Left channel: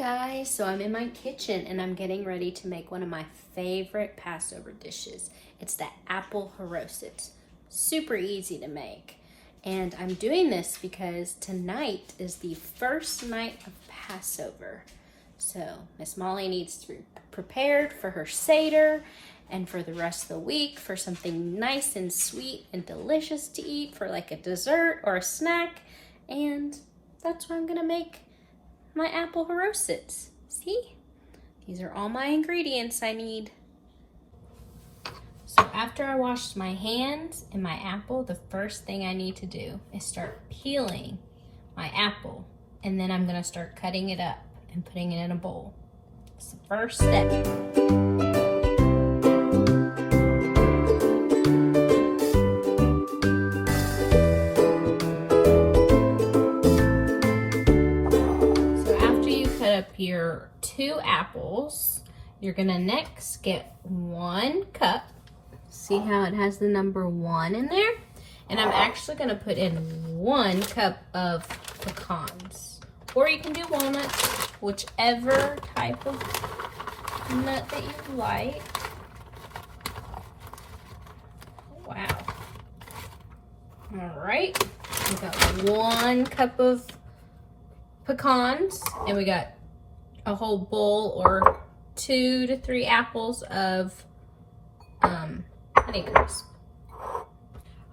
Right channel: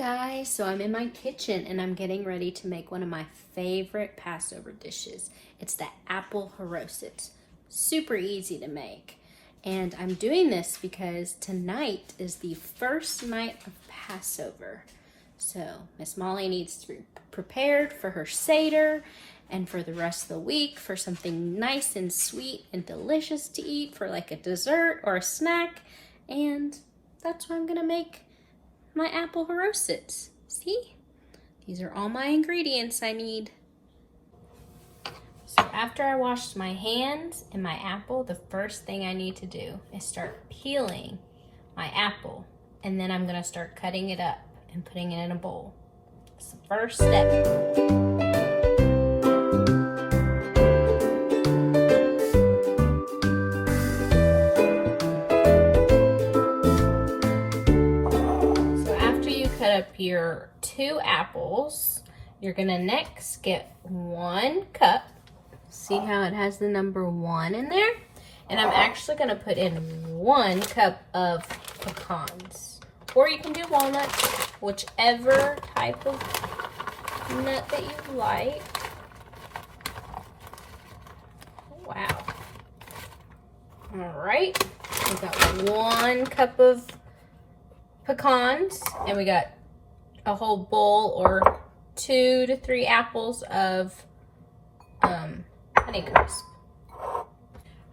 guys, so I'm in my kitchen and I'm getting ready to make one of my favorite Passover dishes. It's the Apple Charoset. Super easy to make. And I'm doing this because tonight is the first night of Passover. So Miss Molly needs to be prepared for her Seder and for the rest of the week for something nice and sweet and delicious to eat for like a dessert or a snack. And that's what I'm gonna make my Apple Charosets. See? These are all my ingredients I need. So after I washed my hands and my apple, the first thing I need to do is start peeling my apple. And then I'm gonna start cutting it up and putting it in a bowl. It's the first step. Your 2 apples, you're gonna next get 1 cup. See how it has the number 1 in there? And I'm actually gonna put in 1 cup of pecans, or you can do walnuts, whichever type of nut that you like. Wow. All right, we got 1 cup of pecans, and we got a whole bowl or 2 to 3 apples of Honeycrisp. All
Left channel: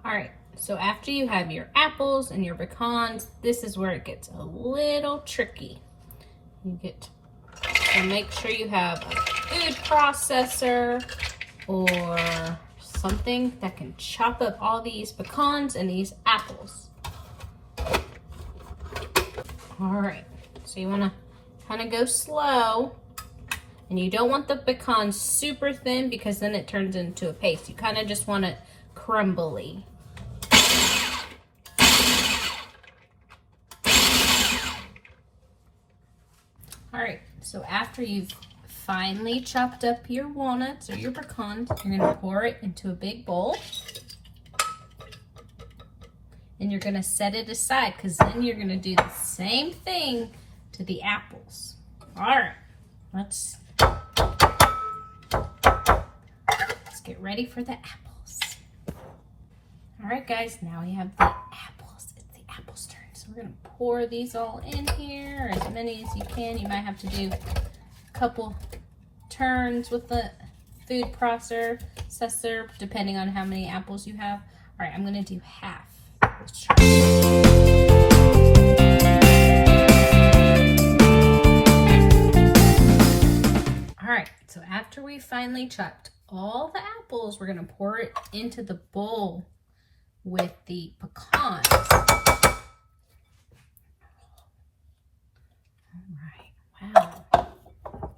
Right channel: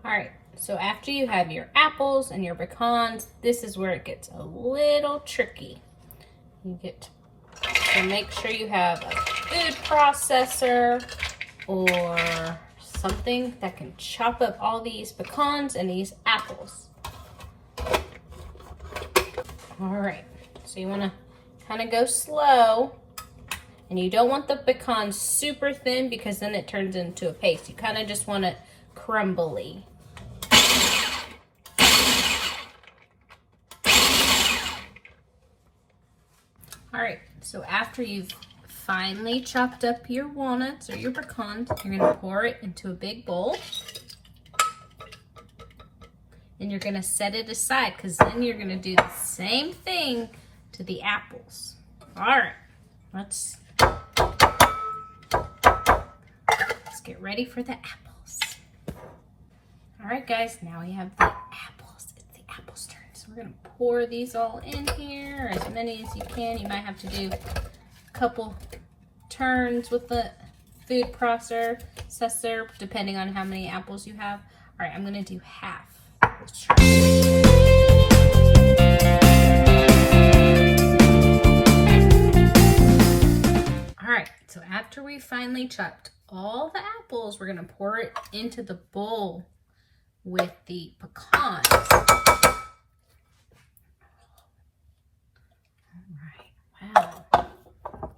right, so after you have your apples and your pecans, this is where it gets a little tricky. You get to make sure you have a food processor or something that can chop up all these pecans and these apples. All right, so you want to kind of go slow, and you don't want the pecans super thin because then it turns into a paste. You kind of just want it crumbly. All right, so after you've finely chopped up your walnuts or your pecans, you're gonna pour it into a big bowl. And you're gonna set it aside because then you're gonna do the same thing to the apples. All right, let's get ready for the apples. All right, guys, now we have the apples. It's the apples' turn. So we're gonna pour these all in here, as many as you can. You might have to do a couple turns with the food processor, depending on how many apples you have. All right, I'm gonna do half. Let's try. So after we finally chopped all the apples, we're gonna pour it into the bowl with the pecans. All right, wow.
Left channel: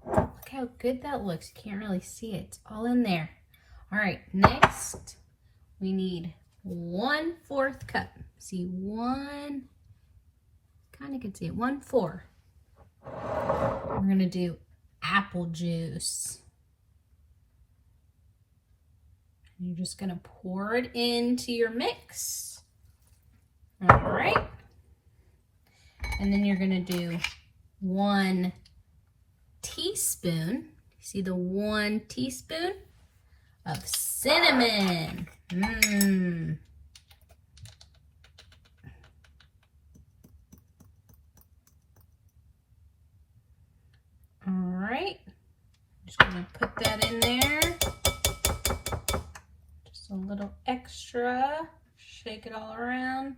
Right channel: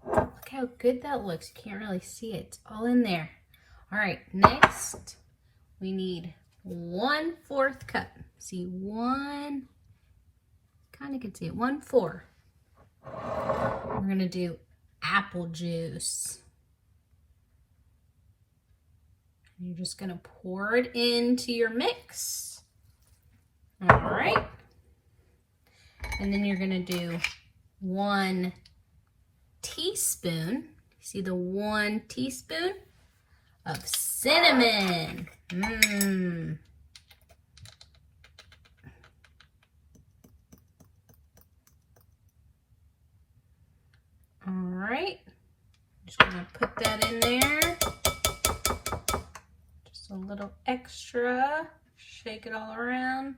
Look how good that looks. You can't really see it. It's all in there. All right, next we need 1/4 cup. See, kind of can see it, 1/4. We're gonna do apple juice. And you're just gonna pour it into your mix. All right. And then you're gonna do 1 teaspoon. See the 1 teaspoon of cinnamon. All right, just gonna put that in there. Just a little extra. Shake it all around.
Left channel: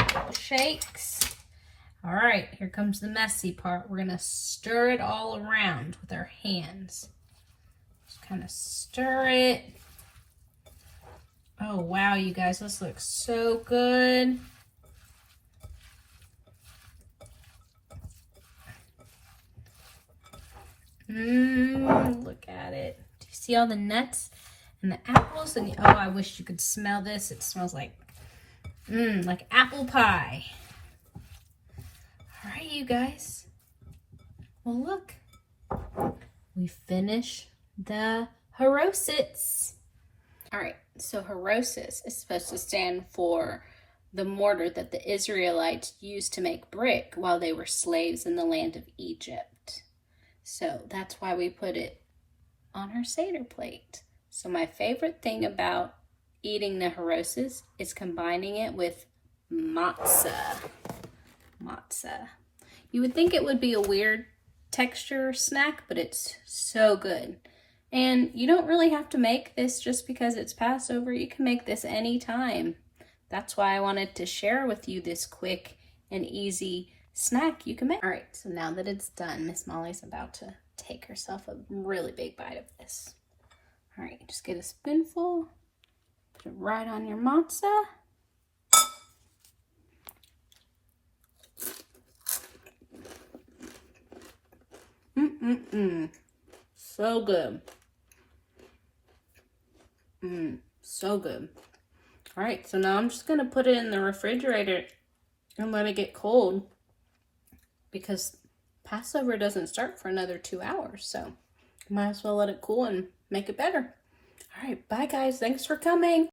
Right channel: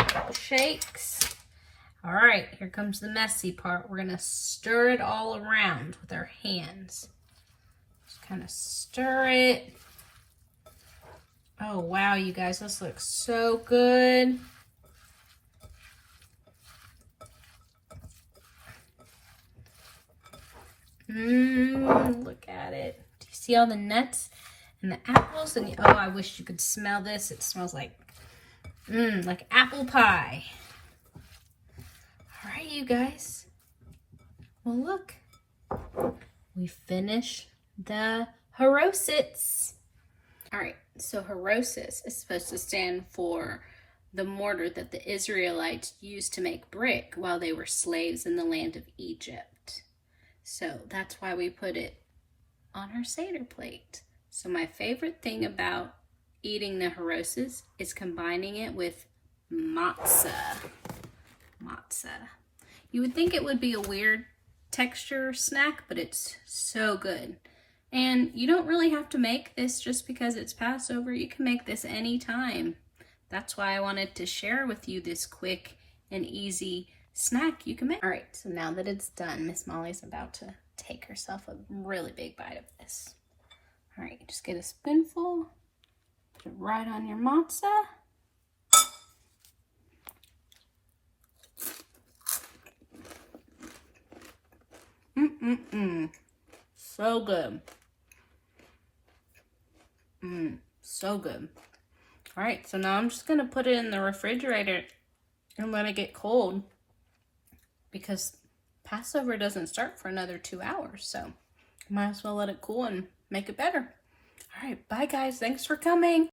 A couple shakes. All right, here comes the messy part. We're gonna stir it all around with our hands. Just kind of stir it. Oh wow, you guys, this looks so good. Look at it. Do you see all the nuts and the apples? And oh, I wish you could smell this. It smells like apple pie. All right, you guys. Well, look. We finished the Charosets. All right, so Charosets is supposed to stand for the mortar that the Israelites used to make brick while they were slaves in the land of Egypt. So that's why we put it on our Seder plate. So my favorite thing about eating the haroses is combining it with matzah. Matzah. You would think it would be a weird texture snack, but it's so good. And you don't really have to make this just because it's Passover. You can make this anytime. That's why I wanted to share with you this quick and easy snack you can make. All right, so now that it's done, Miss Molly's about to take herself a really big bite of this. All right, just get a spoonful, put it right on your matzah. So good. So good. All right, so now I'm just gonna put it in the refrigerator and let it get cold because Passover doesn't start for another 2 hours, so might as well let it cool and make it better. All right, bye guys, thanks for coming.